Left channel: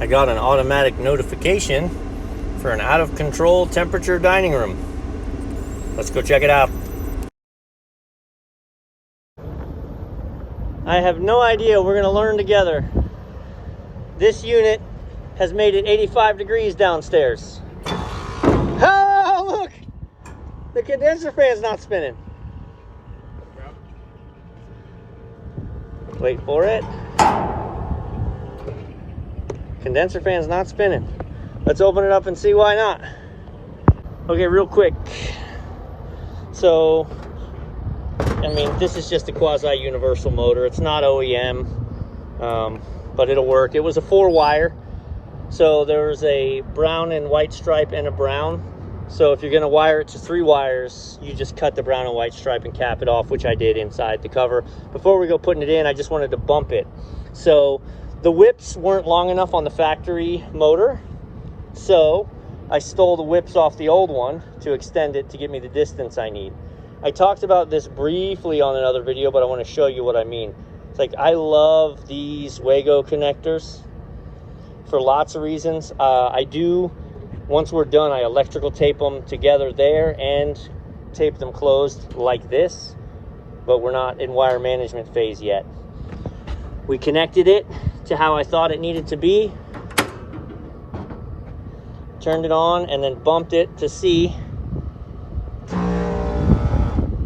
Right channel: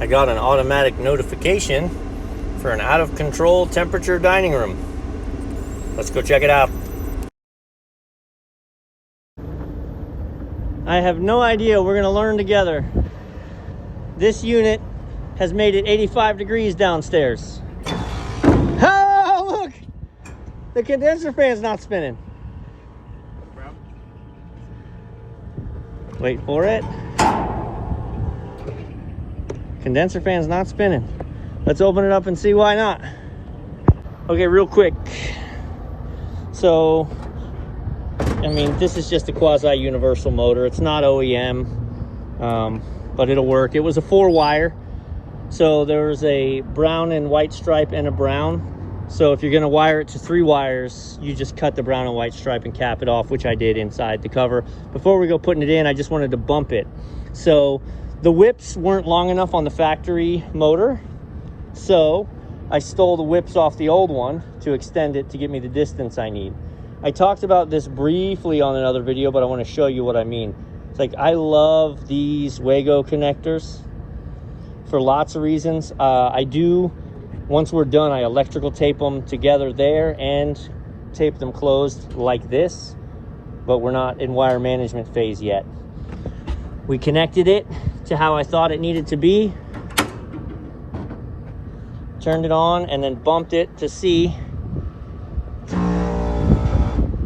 I got an automatic notification for an out of control temperature dining room. Let's go check it out. I have no idea. We're gonna learn together. This unit has made it 85 degrees downstairs. Oh, look! The condenser fan's not spinning. Wait for it. Condenser fan's not spinning. Let's open it up and see why not. Okay, real quick. So, I mean, this is just a quasi-universal motor. It's not OEM, but it'll work. It was a 4-wire. So there was a brown and white stripe and a brown. So if you're gonna wire it to 3 wires, you just cut the brown and white stripe and cap it off, which I did inside the cover. Before we go putting it in, I just wanted to bump it. So the whips weren't long enough on the factory motor. So I stole the whips off the old one to extend it to get me the distance I need. I talked about this briefly on another video, but I want to show you what I mean. It's like, I love these Wago connectors for lots of reasons. Once we're done, I electrical tape them together there and tape them closed like this, but we're not in wire management phase yet. We connected it to how I thought it needed to be, turned it on, and then bumped it to see.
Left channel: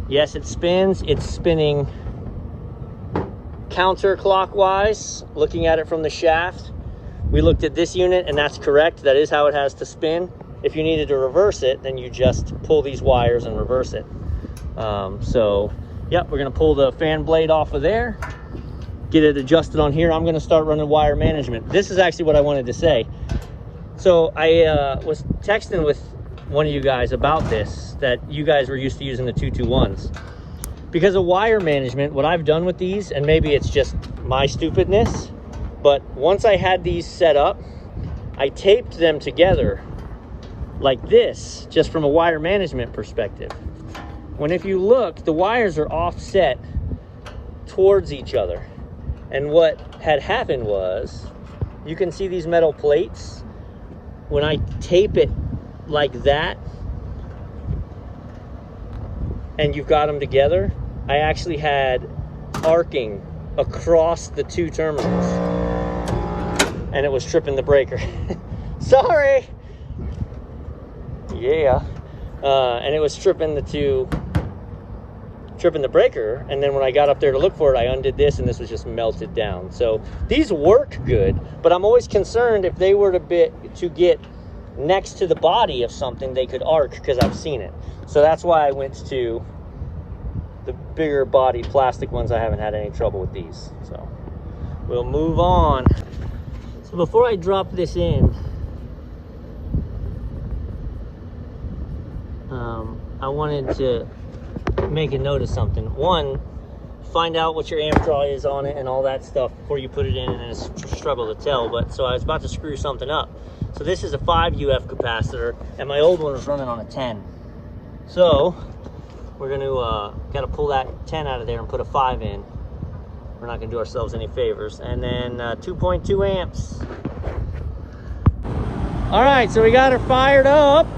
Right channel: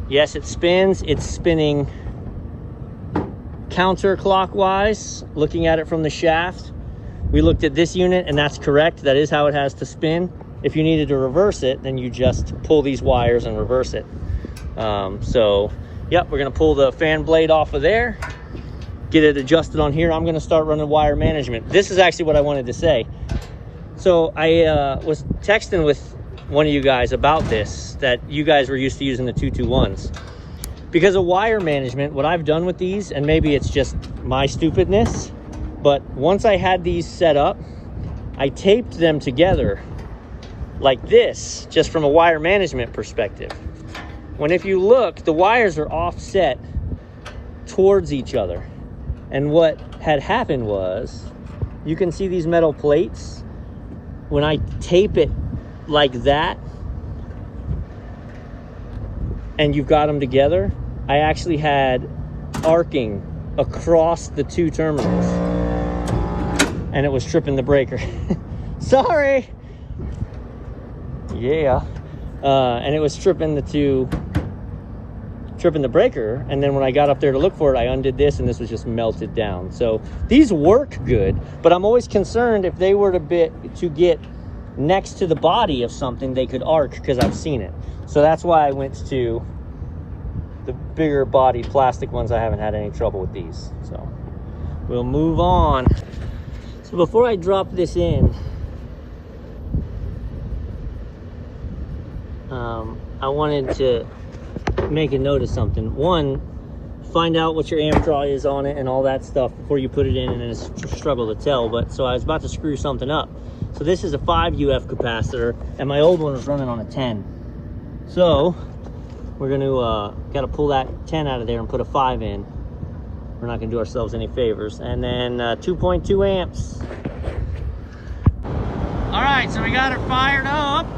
Yes, it spins. It's spinning counterclockwise, looking at it from the shaft. We looked at this unit and that's correct. That is how it has to spin. If you needed to reverse it, then you just pull these wires and reverse it. So, yep, we're gonna pull the fan blade off of there, get it adjusted on here. I'm gonna start running wire management. This is actually what I wanted to say. So I was texting with one of you guys about this, that you guys were used to using the 221s. Because of wire management, what I've done with these, and maybe it's just my stupidness, but once I had these set up, I taped them together like this, just from a wire management perspective. When if you look, the wires are offset towards each other. And what had happened was, you can see these metal plates. When I tape it like that, and you've got them together, I actually had arcing across the 2 terminals. And it was tripping the breaker. Sorry. Yeah. And it was tripping the breaker. And then when I got up there to look for it, I undid this and this was just melted down. So these work good, but I'm always concerned if they were to get next to the body of something, they could arc, because I've seen it. So that's why I went to the bigger body plastic ones. I haven't had any trouble with these. So we'll move on. So before I drop this in, I wanted to make a note of something. One, find out what your amp draw is on it and all that stuff before you put it in, and then it's a struggle to tell. But so I was about to screw something up. So this is a 5 UF capacitor, and my old one was running on a 10. So we're gonna gotta pull that 10 out of there and put a 5 in. We're not gonna do ourselves any favors. And then 2.2 amps. All right, so we got her fired up.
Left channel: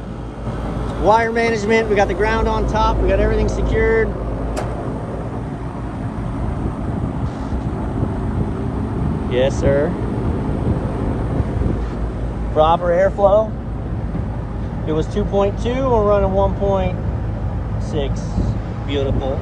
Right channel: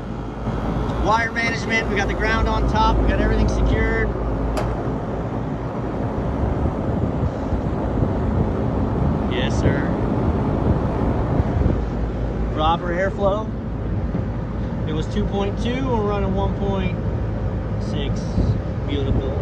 Wire management, we got the ground on top, we got everything secured. Yes, sir. Proper airflow. It was 2.2, we're running 1.6. Beautiful.